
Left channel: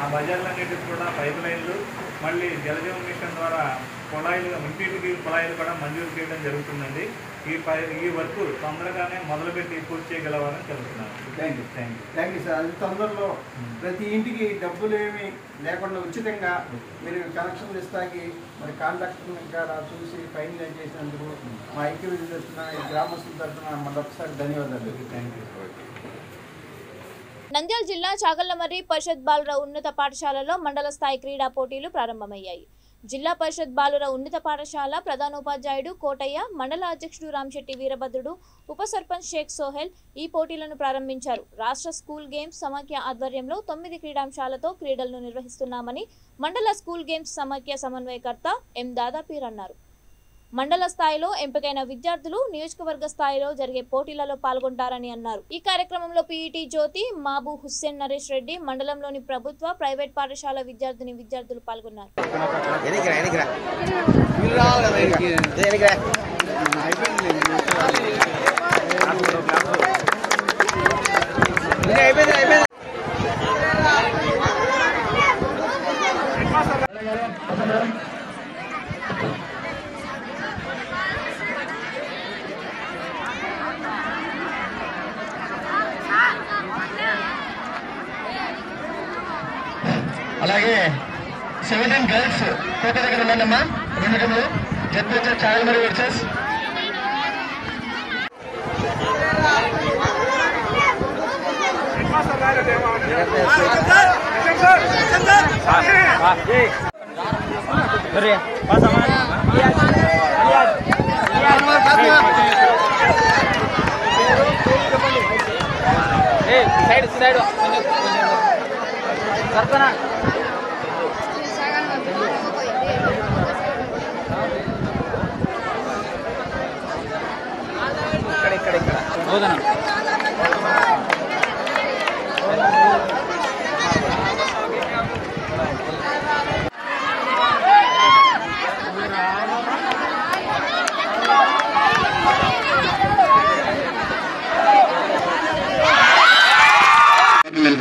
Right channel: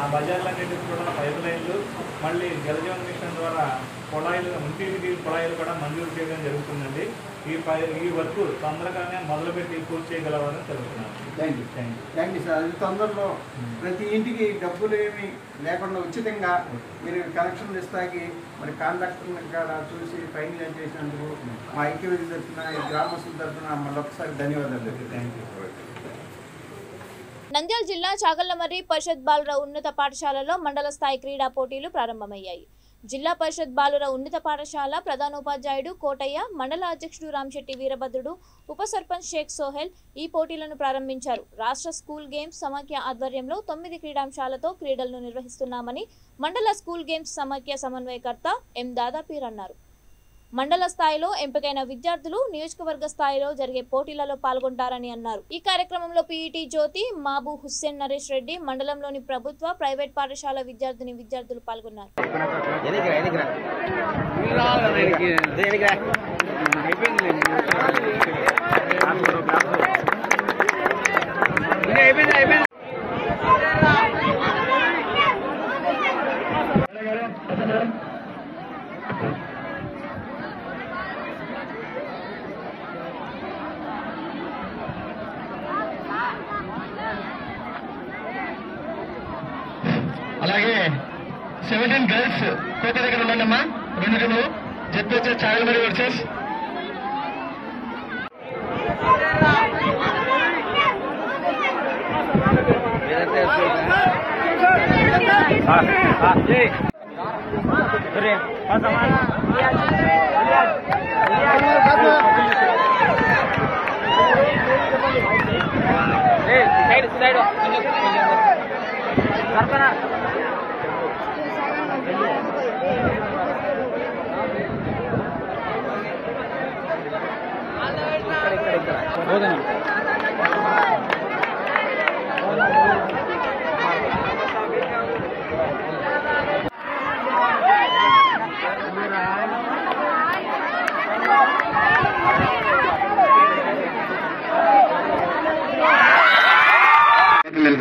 ఆ బజార్లన్నిటికీ కూడా పైప్ లైన్లు మళ్ళీ జలజీవన్ మిషన్ ద్వారా కుళాయిలు ఇంటింటికి కుళాయిలు కూడా మంజూరు చేయడం జరుగుతుందండి. ఈ వర్క్ తొందరగానే మొదలుపెట్టి పూర్తి చేయగలవాలని తెలుస్తున్నాను. Thank you sir. అది తొందరలో ప్రతి ఇంటికి డబ్బులు ఏమి లేకుండా ఉచితంగా మీరు కనెక్షన్లు ఇస్తాకి మరి కాంట్రాక్టర్ని కూడా చూసి ఫైనలైజ్ చేసినందుకు మా ఐక్యవేది తరఫున గ్రామస్తుల తరఫున మళ్ళొకసారి ధన్యవాదాలు. Thank you. నంద్యాల జిల్లా చాగళ్లమర్రి పరిషత్ బాలుర ఉన్నత పాఠశాలలో మండల స్థాయి క్రీడా పోటీలు ప్రారంభమయ్యాయి. జిల్లా పరిషత్ బాలుర ఉన్నత పాఠశాల ప్రధానోపాధ్యాయుడు కోటయ్య, మండల అధ్యక్షుడు రామశెట్టి వీరభద్రుడు, ఉప సర్పంచ్ షేక్ సోహెల్ ఈ పోటీలను ప్రారంభించారు. రాష్ట్ర స్కూల్ గేమ్స్ సమాఖ్య ఆధ్వర్యంలో 9 క్రీడాంశాలతో క్రీడలను నిర్వహిస్తున్నామని మండల స్కూల్ గేమ్స్ సమాఖ్య సమన్వయకర్త ఎం దాదాపీర్ అన్నారు. మండల స్థాయిలో ఎంపికైన విద్యార్థులు నియోజకవర్గ స్థాయిలో జరిగే పోటీలలో పాల్గొంటారని అన్నారు. ఈ కార్యక్రమంలో పీఈటీ జ్యోతి, మాబు హుస్సేన్ నరేష్ రెడ్డి, మండలంలోని ప్రభుత్వ, ప్రైవేట్ పాఠశాల విద్యార్థులు పాల్గొన్నారు. అలాగే 17 గర్ల్స్ కోట దగ్గర ఉందమ్మా. నిమిషంలో జట్టు వచ్చే చాగళ్లమర్రి వర్సెస్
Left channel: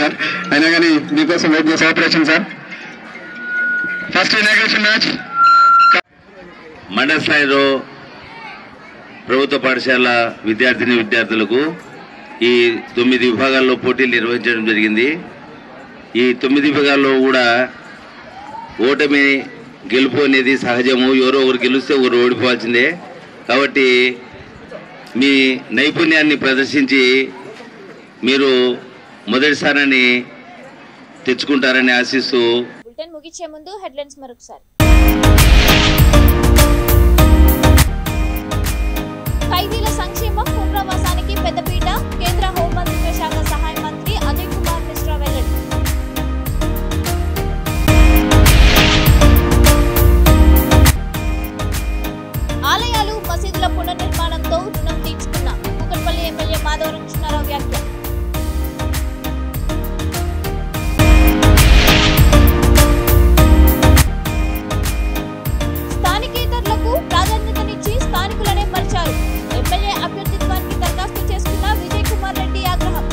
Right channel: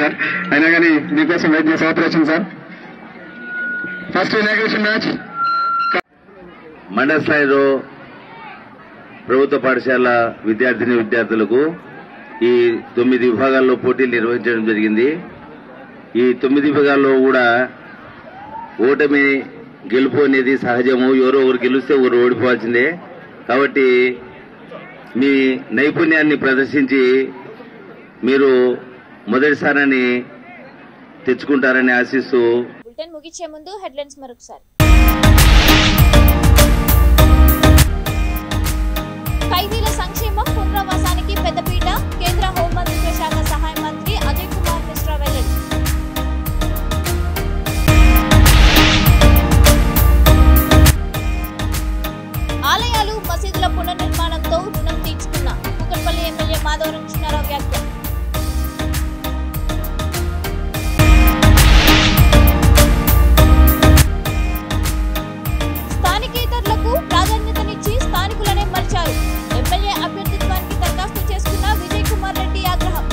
సార్ అయినా కానీ మీకోసం వెయిట్ చేసే operation sir. First inauguration match మండల స్థాయిలో ప్రభుత్వ పాఠశాల విద్యార్థులకు ఈ 9 విభాగాల్లో పోటీలు నిర్వహించడం జరిగింది. ఈ 9 విభాగాల్లో కూడా ఓటమి గెలుపు అనేది సహజము. ఎవరో ఒకరు గెలిస్తే ఒకరు ఓడిపోవాల్సిందే. కాబట్టి మీ నైపుణ్యాన్ని ప్రదర్శించి మీరు మొదటి స్థానాన్ని తెచ్చుకుంటారని ఆశిస్తూ బులెటిన్ ముగించే ముందు హెడ్లైన్స్ మరొకసారి. ఖైదీల సంక్షేమం పునరావాసానికి పెద్దపీట, కేంద్ర హోంమంత్రిత్వ శాఖ సహాయ మంత్రి అజయ్ కుమార్ మిశ్రా వెల్లడి. ఆలయాలు, మసీదుల పునర్నిర్మాణంతో రుణం తీర్చుకున్న కూకట్పల్లి ఎమ్మెల్యే మాధవరం కృష్ణారావు వ్యాఖ్య. స్థానికేతరులకు ప్రాధాన్యతనిచ్చి స్థానికులనే మలిచారు. ఎమ్మెల్యే అభ్యర్థిత్వానికి దరఖాస్తు చేసుకున్న విజయ్ కుమార్ రెడ్డి ఆగ్రహం.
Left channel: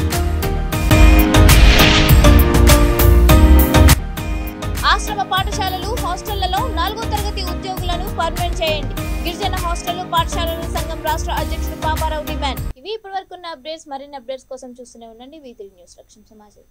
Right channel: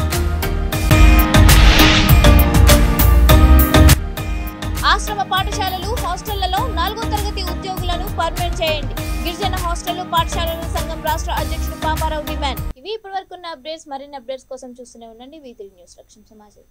ఆశ్రమ పాఠశాలలు, హాస్టళ్లలో 4వ తరగతి ఉద్యోగులను పర్మనెంట్ చేయండి. గిరిజన హాస్టళ్లు, పాఠశాలల సంఘం రాష్ట్ర అధ్యక్షుడు పాపారావు డిమాండ్. ఇవి ఇప్పటివరకు ఉన్న అప్డేట్స్. మరిన్ని అప్డేట్స్ కోసం చూస్తూనే ఉండండి V3 న్యూస్. రక్షణ సమాజం.